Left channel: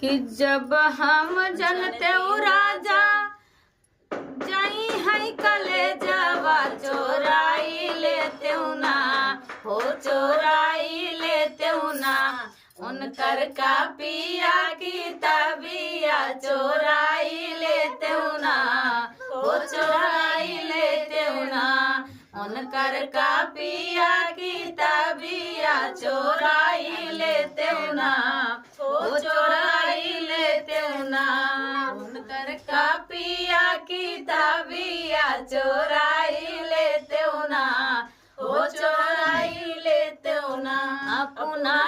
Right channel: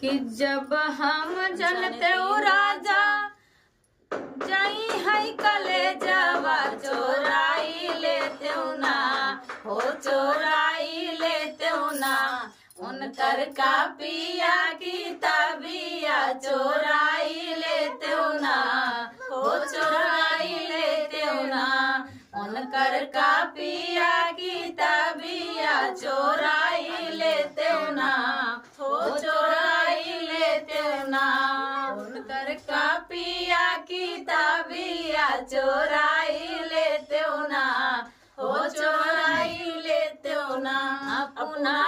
कि जब हम जलते राजा जाई है कलेजवा चोराई लेते ना, हो चोराई लेते ना। उनकर का पिया की तबिया चोराई लेते ना, हो चोराई लेते ना। उनकर का पिया की तबिया चोराई लेते ना, हो चोराई लेते ना। उनकर का पिया की तबिया चोराई लेते ना, हो चोराई लेते ना। अपना